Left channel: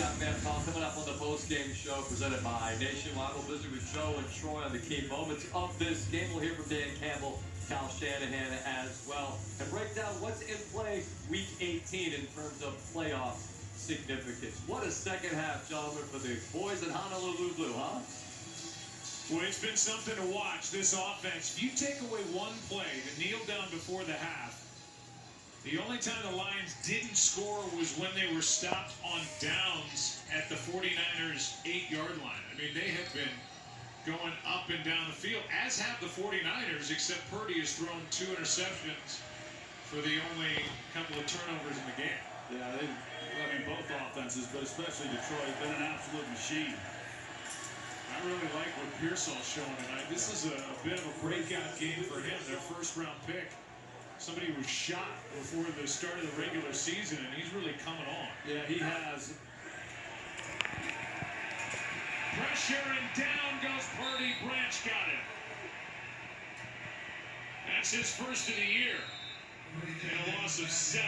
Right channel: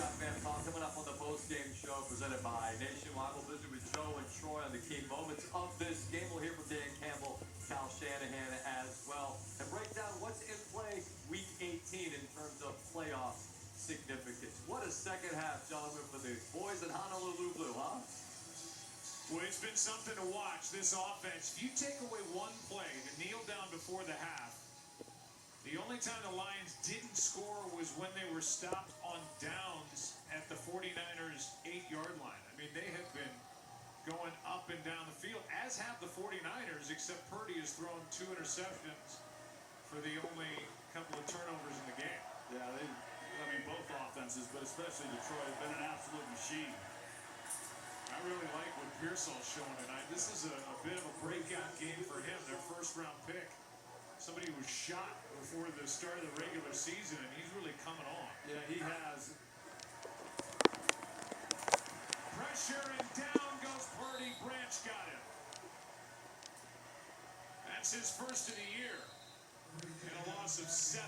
Scott Van Pelt coming up on the post-game show presented by Nationwide. We'll visit with Joe and Troy on the key moments of this game. We'll hear from Dan Campbell, Kyle Shanahan as well, and break down what's in play Week 18 in terms of playoff significance. What a second half, gentlemen, for the boys in Honolulu Blue, huh? Well, it's been something to watch, this offense. If you take away one play, the kneel down before the half, the only time the Lions didn't score was when they were stopped on downs at the 49ers' 8-yard line. I mean, they have been going up and down the field, as have the 49ers, except Purdy has thrown 2 interceptions for the only couple of turnovers in the game. Yeah, I mean, both offenses, but especially Detroit, have been an absolute machine. I really like what Pearsall's showing tonight. This is a bit of a breakout game for him, their first-round pick. Somebody who was shot before the start of the regular season, and he's really coming on. Yeah, he has. Pressure, and down goes Purdy. Branch got it. That's his first of the year in a loss of 7.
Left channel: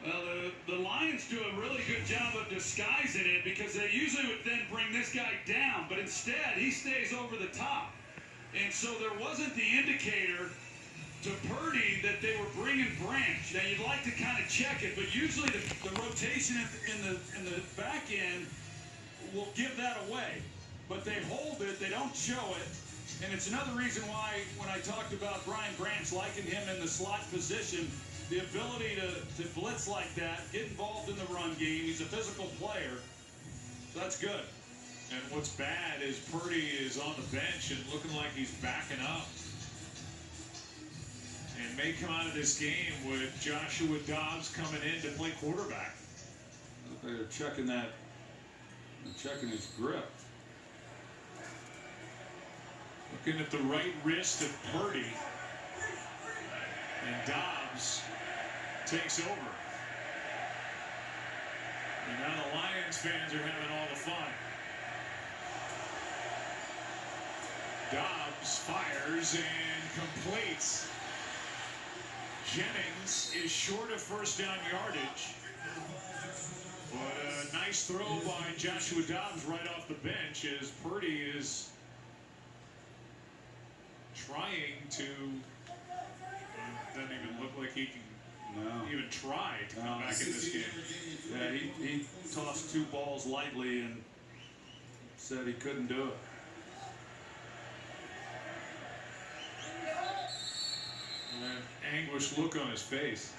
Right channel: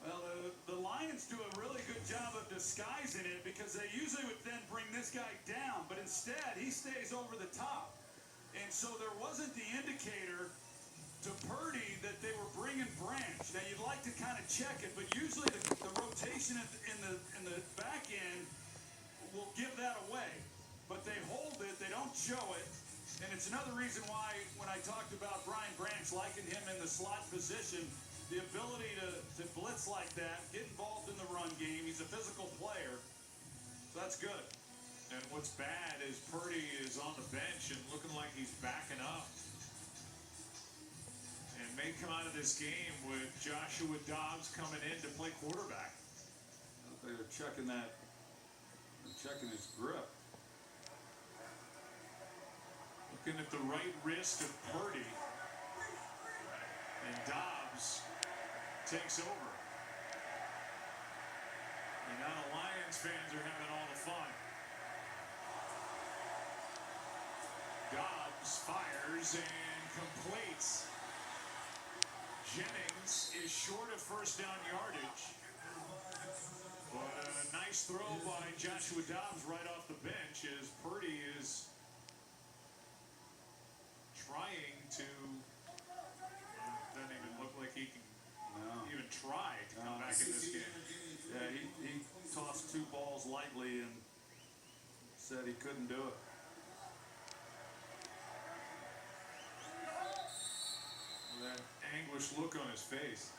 Well, the Lions do a really good job of disguising it because they usually would then bring this guy down, but instead he stays over the top. And so there wasn't the indicator to Purdy that they were bringing Branch. Now you'd like to kind of check it, but usually the rotation in the back end will give that away. But they hold it, they don't show it, and it's another reason why when I talked about Brian Branch liking him in the slot position, the ability to blitz like that, get involved in the run game. He's a physical player, so that's good. And what's bad is Purdy is on the bench and looking like he's backing up. And may come out of this game with Joshua Dobbs coming in to play quarterback. They're checking that, checking his grip. Looking at the right wrist of Purdy. And Dobbs takes over. And now the Lions fans are having all the fun. Dobbs fires and completes. Jennings is short of first down yardage. But a nice throw by Joshua Dobbs right off the bench as Purdy is trying to, doesn't even look like he can even try to come back in this game. Yeah, he tossed 2 balls lightly and said he couldn't do it. An anguished look on his face.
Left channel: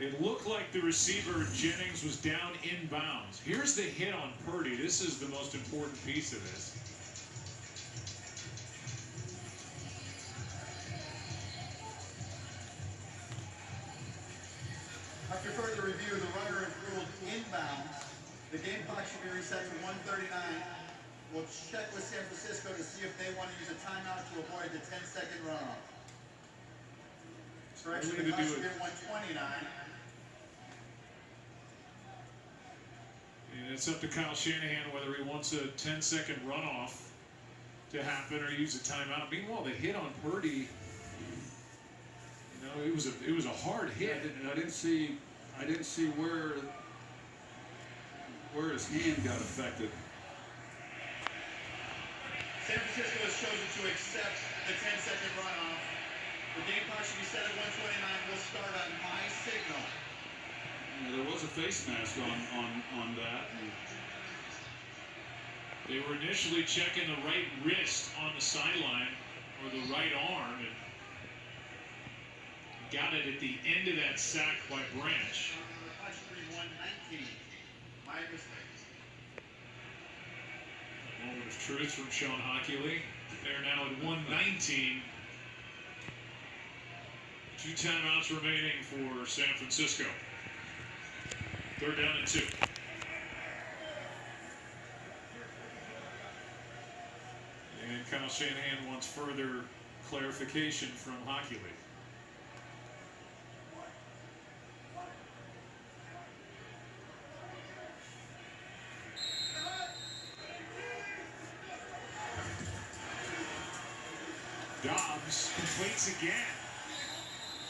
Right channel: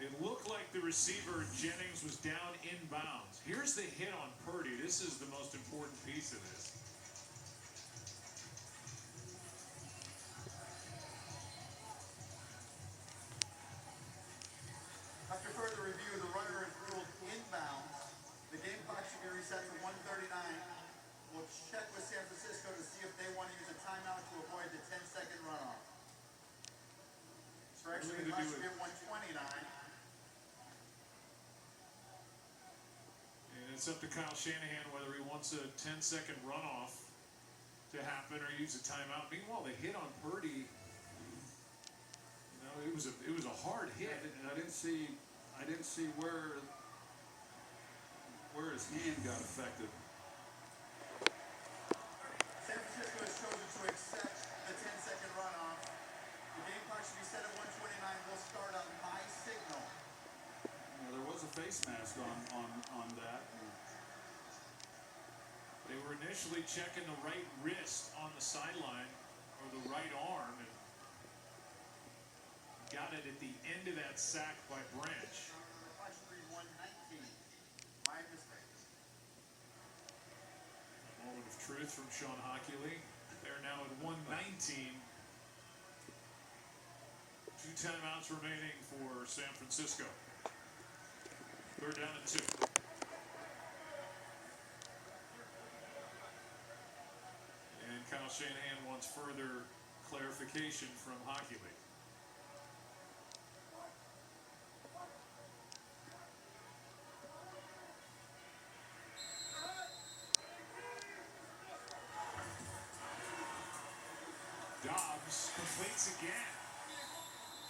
It looked like the receiver Jennings was down inbounds. Here's the hit on Purdy. This is the most important piece of this. After further review, the runner ruled inbounds. The game clock should be reset to 1:39. We'll check with San Francisco to see if they want to use a timeout to avoid the 10-second runoff. Correction, the clock should be at 1:29. And it's up to Kyle Shanahan whether he wants a 10-second runoff to happen or use a timeout. Meanwhile, the hit on Purdy, you know, it was a hard hit. I didn't see where his hand got affected. San Francisco has chosen to accept the 10-second runoff. The game clock should be set at 1:29. We'll start on my signal. There was a face mask on that. They were initially checking the right wrist on the sideline, or the right arm, and got it at the end of that sack by Branch. The clock should be 1:19. My mistake. A moment of truth from Sean Hockley. They're now at 1:19. 2 timeouts remaining for San Francisco. 3rd down and 2. And Kyle Shanahan wants further clarification from Hockley. Dobbs completes again.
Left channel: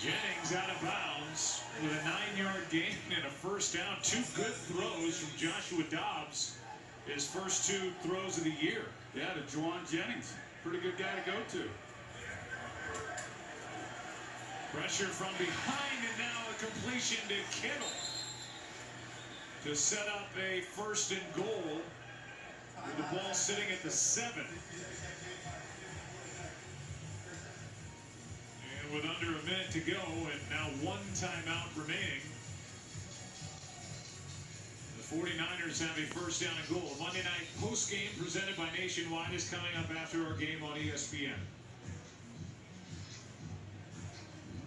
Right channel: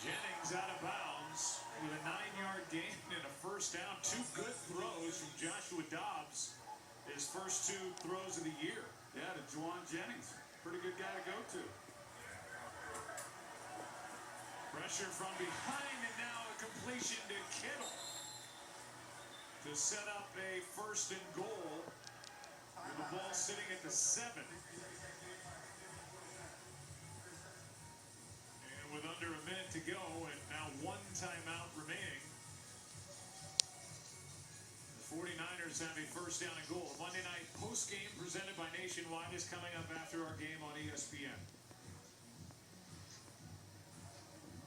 Jennings out of bounds with a 9-yard gain and a first down. Two good throws from Joshua Dobbs. His first two throws of the year. Yeah, to Juwan Jennings. Pretty good guy to go to. Pressure from behind, and now a completion to Kittle to set up a first and goal with the ball sitting at the 7. And with under a minute to go and now one timeout remaining, the 49ers have a first down and goal. Monday night post game presented by Nationwide is coming up after our game on ESPN.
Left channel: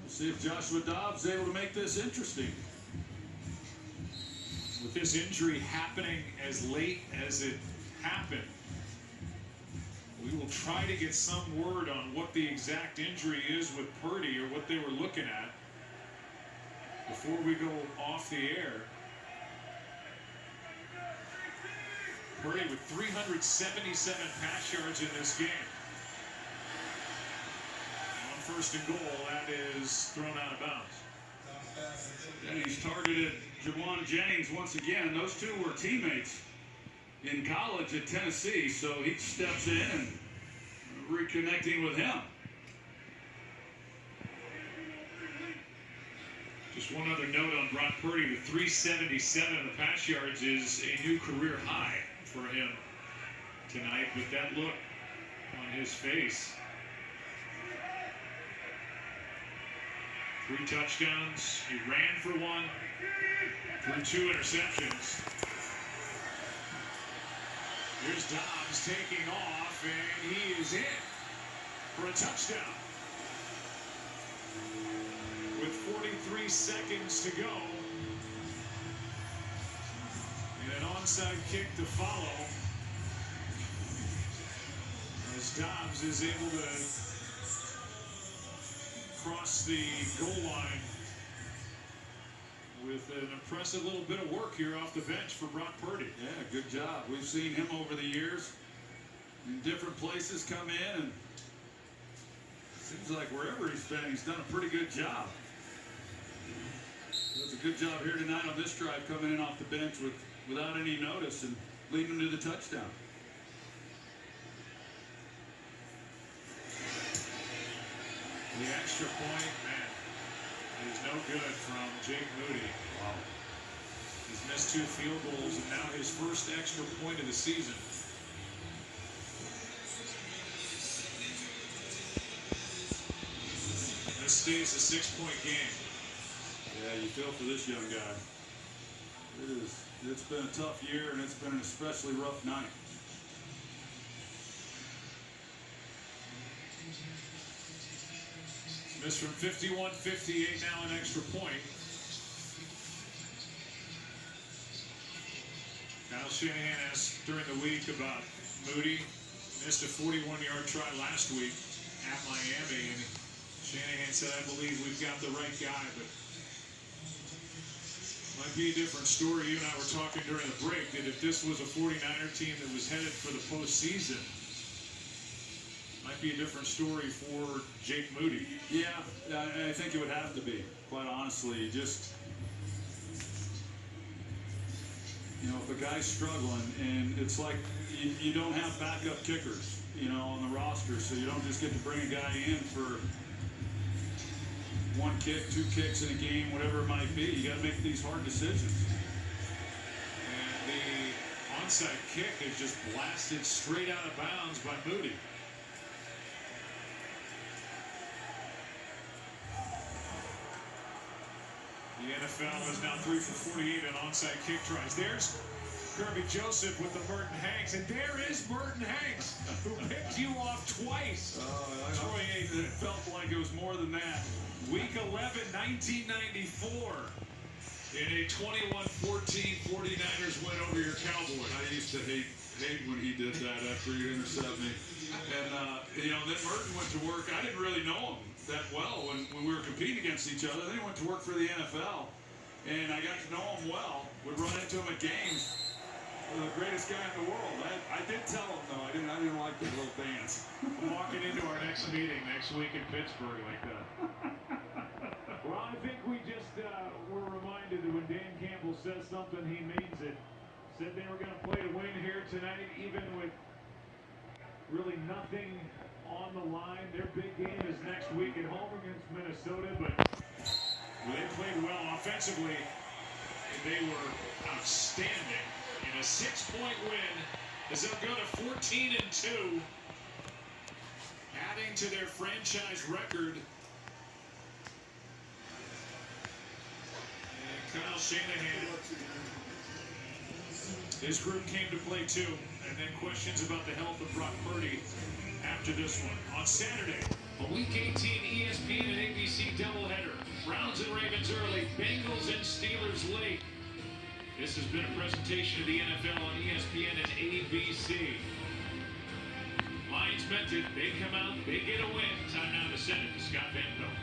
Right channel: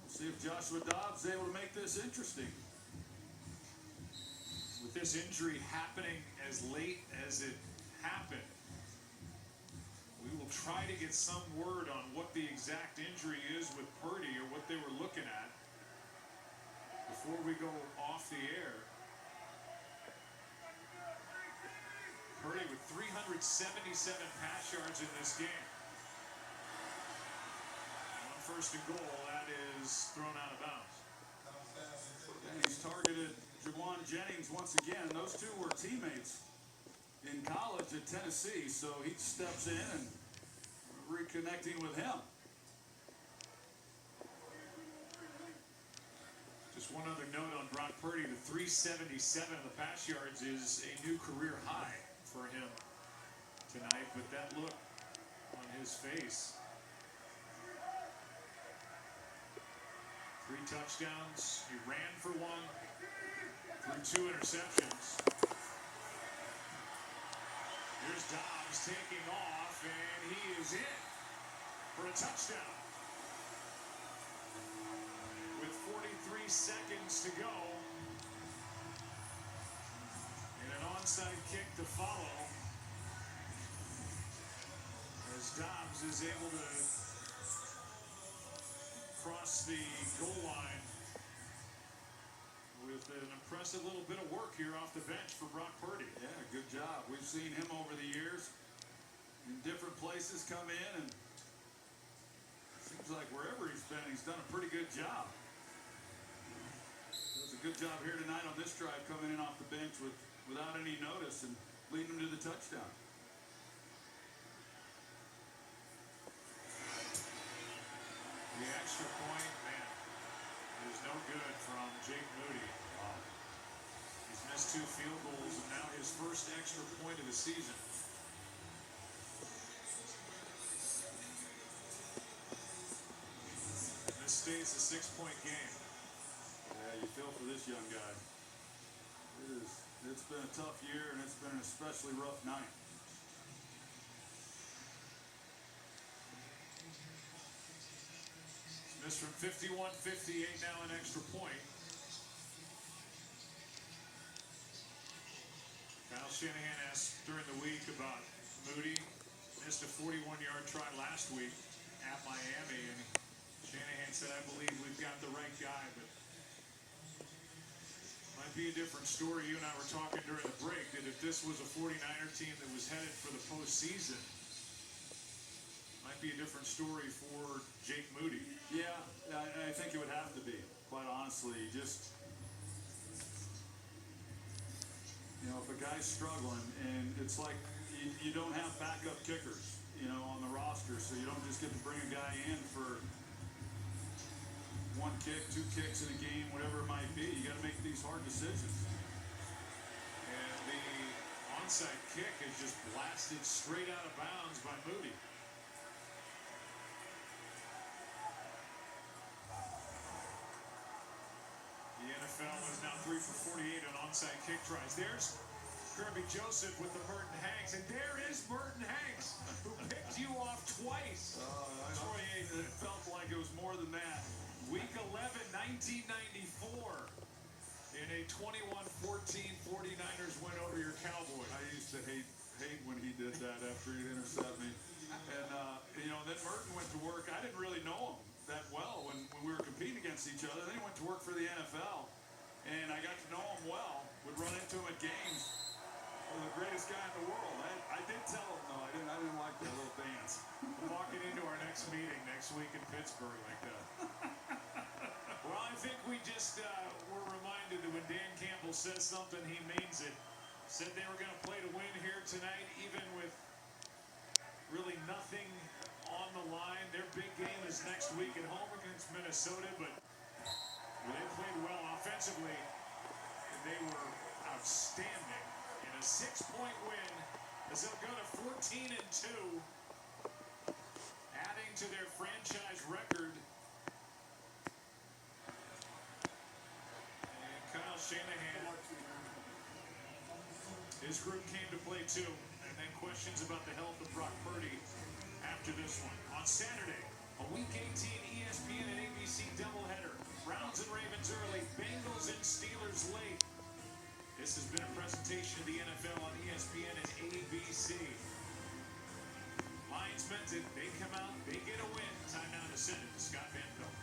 See if Joshua Dobbs is able to make this interesting. With this injury happening as late as it happened, we will try to get some word on what the exact injury is with Purdy or what they were looking at before we go off the air. Purdy with 377 pass yards in this game. First and goal, that is thrown out of bounds. And he's targeted Juwan Jennings once again. Those two were teammates in college at Tennessee, so he steps in and reconnecting with him. Just one other note on Brock Purdy, with 377 of the pass yards is a new career high for him tonight with that look on his face. 3 touchdowns. He ran for 1, threw 2 interceptions. Here's Dobbs taking off, and he is in for a touchdown. With 43 seconds to go, and an onside kick to follow, as Dobbs is able to cross the goal line with an impressive little bit of work here off the bench for Brock Purdy. Yeah, good job. We've seen him over the years in different places come in, and it seems like wherever he's been, he's done a pretty good job. Does a good job here tonight on this drive, coming in off the bench without any notice and leading them to the touchdown. The extra point, man, is no good from Jake Moody. Wow. He's missed 2 field goals, and now his first extra point of the season. This stays a 6-point game. Yeah, you feel for this young guy. It's been a tough year, and it's been an especially rough night. Missed from 51-58, now an extra point. Kyle Shanahan asked during the week about Moody. Missed a 41-yard try last week at Miami, and Shanahan said, I believe we've got the right guy, but might be a different story. You and I were talking during the break that if this was a 49er team that was headed for the postseason, might be a different story for Jake Moody. Yeah, I think it would have to be, quite honestly. Just, you know, if a guy's struggling, and it's like you don't have backup kickers, you know, on the roster, so you don't just get to bring a guy in for 1 kick, 2 kicks in a game, whatever it might be. You got to make these hard decisions. And the onside kick is just blasted straight out of bounds by Moody. The NFL is now 3 for 48 on onside kick tries. There's Kirby Joseph with the Merton Hanks, and there is Merton Hanks, who picked you off twice. Troy Aikman. It felt like it was more than that. Week 11, 1994, in a 21-14 49ers win over your Cowboys. I used to hate when he did that after he intercepted me. And, you know, then Merton went to work. I didn't really know him that well when we were competing against each other. Then he went to work for the NFL, and I got to know him well. Would run into him at games. the greatest guy in the world. I did tell him though. I didn't like the little dance. Walking into our next meeting next week in Pittsburgh like that. Well, I think we just were reminded that when Dan Campbell says something, he means it. Said they were going to play to win here tonight, even with really nothing on the line. Their big game is next week at home against Minnesota, but they played well offensively. They were outstanding in a 6-point win as they'll go to 14-2, adding to their franchise record. And Kyle Shanahan, his group came to play too, and then questions about the health of Brock Purdy after this one. On Saturday, a Week 18 ESPN and ABC doubleheader. Browns and Ravens early, Bengals and Steelers late. This has been a presentation of the NFL on ESPN and ABC. Lions meant it. They come out, they get a win. Time now to send it to Scott Van Pelt.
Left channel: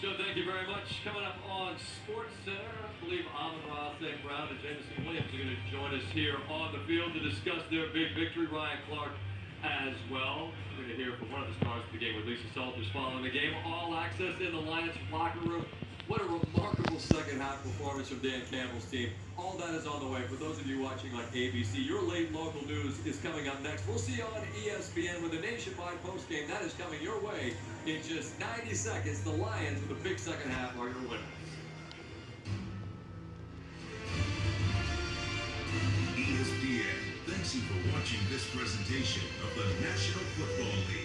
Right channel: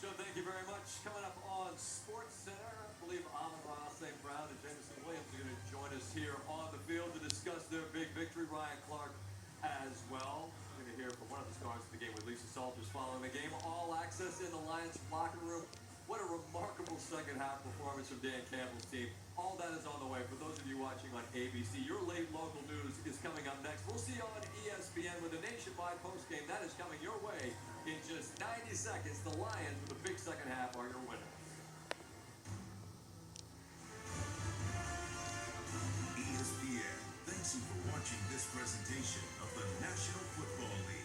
So thank you very much. Coming up on Sports Center, I believe Amon-Ra St. Brown and Jameson Williams are going to join us here on the field to discuss their big victory. Ryan Clark as well. We're going to hear from one of the stars of the game with Lisa Salters following the game. All access in the Lions locker room. What a remarkable second half performance from Dan Campbell's team. All that is on the way. For those of you watching on ABC, your late local news is coming up next. We'll see you on ESPN with a nationwide postgame. That is coming your way in just 90 seconds. The Lions with the big second half are your winners. ESPN thanks you for watching this presentation of the National Football League.